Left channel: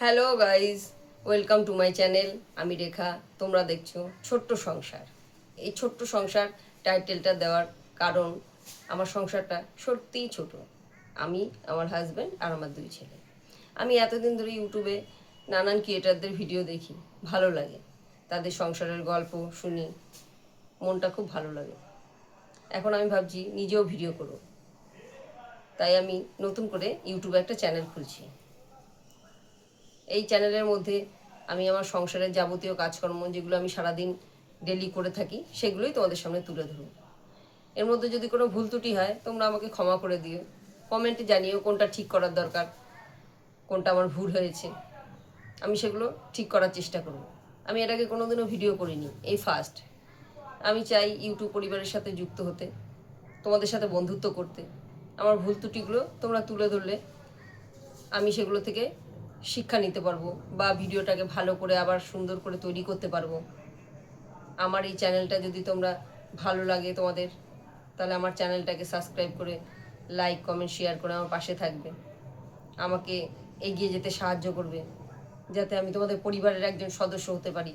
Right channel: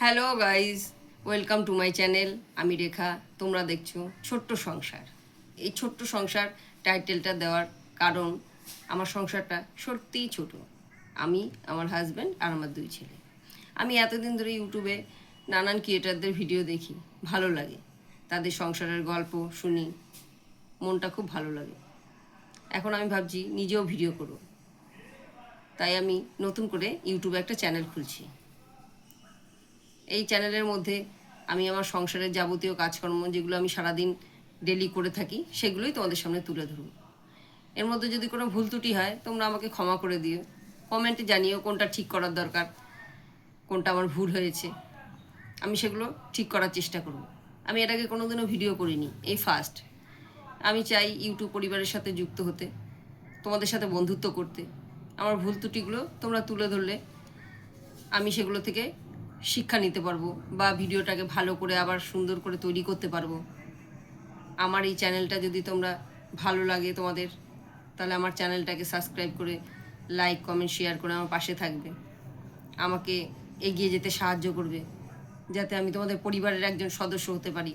Hello guys, welcome to my channel. আমি রেখা, তোমরা দেখছো ছোট্ট সংসার। এই ছোট্ট সংসার টাইটেলটা দেওয়ার কারণ আমার সংসারটা সত্যিই ছোট। আমি, আমার হাজব্যান্ড আর আমার 2 ছেলে। আমি এতদিন ধরে ইউটিউবে নানান ক্রিয়েটারদের ভিডিও দেখি, ভালো লাগে। তাদের সংসারের গল্প শুনি, মনটা খুব ভালো লাগে। এখন আমি ভাবছি নিজেও ভিডিও করব, তাই আমি নতুন করে ইউটিউবে একটা চ্যানেল খুলছি। এই চ্যানেলের মধ্যে আমি আমার সংসারের যাবতীয় কাজকর্ম যেগুলো আমি সারাদিন ডেলি করে থাকি সেগুলোই তোমাদের সামনে তুলে ধরব। এর মধ্যে যদি কোনো ভুল ত্রুটি হয় তোমরা আমাকে ক্ষমা করে দিও, কমেন্টে জানিও কোনটা ঠিক করার দরকার, কোনটা আমার ভুল হয়েছে। আমি সেগুলো ঠিক করার চেষ্টা করব। আমি এর আগে কোনোদিনও ভিডিও করিনি, এই ফার্স্ট। আমি চাই ইউটিউব পরিবারের সাথে যুক্ত হতে, তোমাদের সাথে বন্ধুত্ব করতে। আমার ভুল ত্রুটিগুলো তোমরা তুলে ধরলে আমি সেগুলো থেকে শিক্ষা নিতে পারবো বা ভিডিওটাকে ভালো করে আবার সুন্দর করে তৈরি করতে পারবো। আমার এই চ্যানেলটা যদি তোমরা ভালো লাগে তোমাদের, তাহলে আমার চ্যানেলটাকে সাবস্ক্রাইব করে লাইক কমেন্ট শেয়ার করে আমার পাশে থাকবে, আমাকে এগিয়ে যেতে সাহায্য করবে, যাতে আমি তোমাদের পরিবারের একজন সদস্য হতে পারি।